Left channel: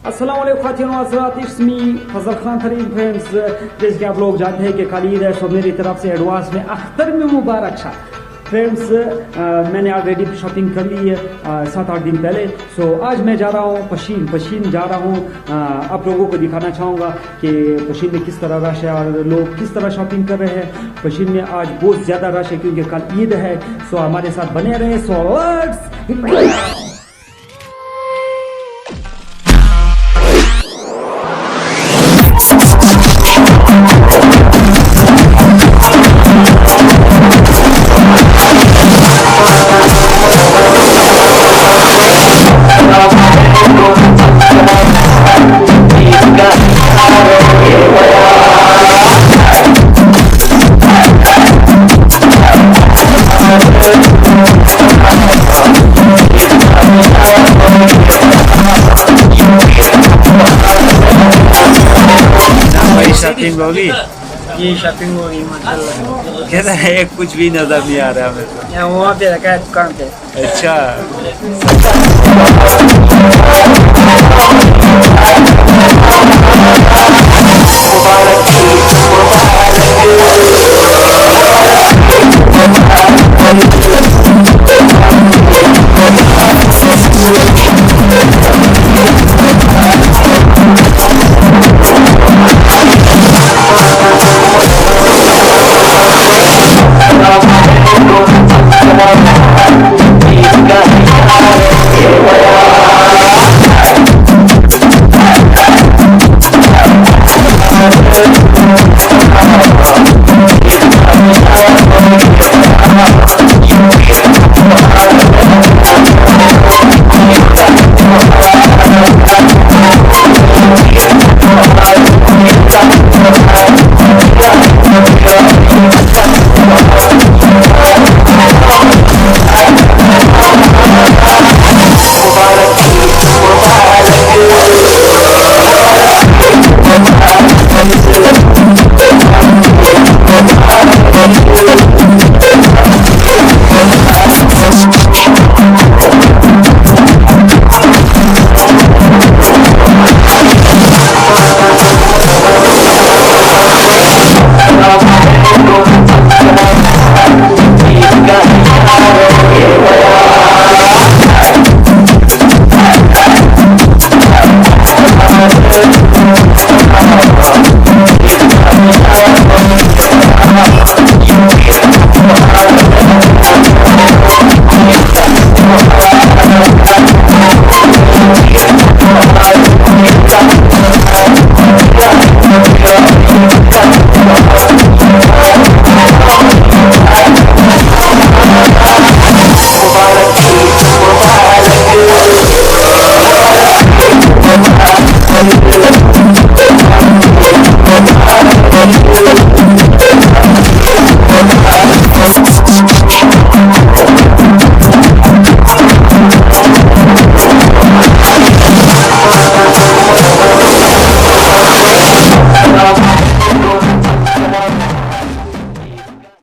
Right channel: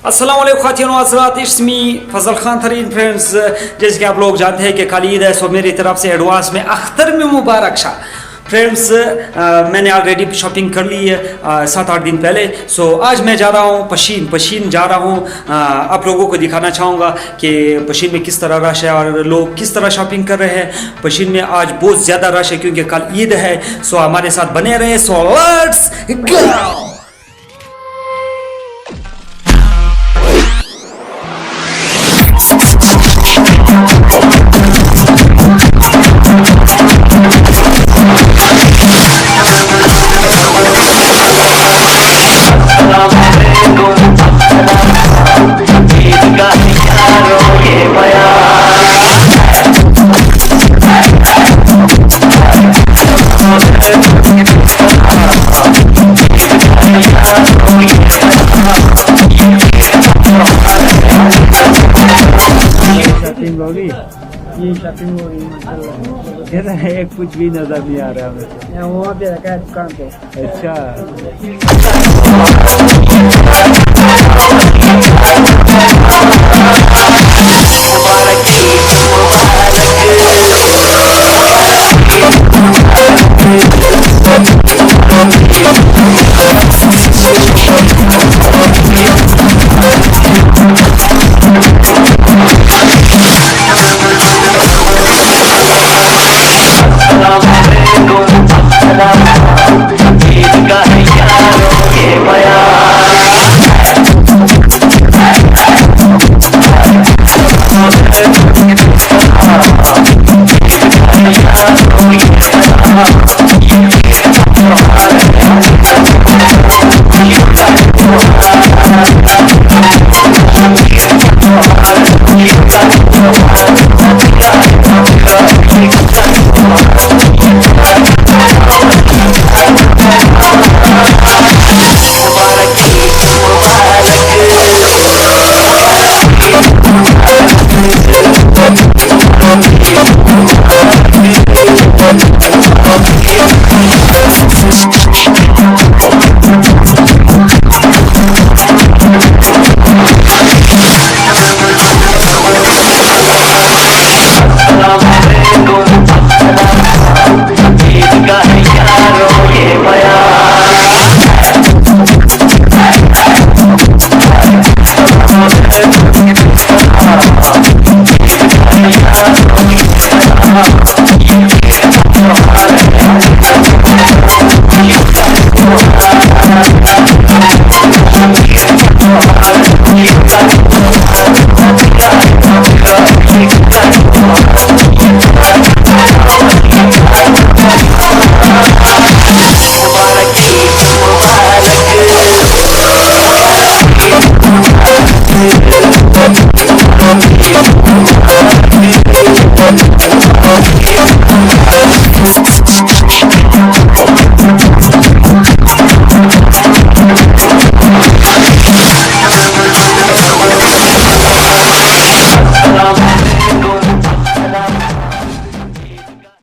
अस्सलाम वालेकुम ख़ातिन व हज़रात, it's me Fazal Khan Tareen. Friends, जैसे कि आप लोग जानते हैं कि कल ईद है, सो मेरी तरफ से एडवांस में अख्तर में मुबारक शाह। फ्रेंड्स, मैंने ऑलरेडी शॉपिंग कर ली है 7-8 दिन पहले। सो आज मैं जा रहा हूँ पशीन जा रहा हूँ। आप लोगों को दिखाना चाहूँगा कि पशीन में किस तरह रश है और लोग किस तरह शॉपिंग कर रहे हैं। पशीन में आज बहुत ज़्यादा रश है क्योंकि कल ईद है। सो हमारे साथ बने रहे। So let's go. ये शॉपिंग होगी माशाल्लाह। कहता है कुछ भी नजर नहीं आ रहा हमें तो। यहाँ वहाँ पे रखा है दुकान पे। अच्छा।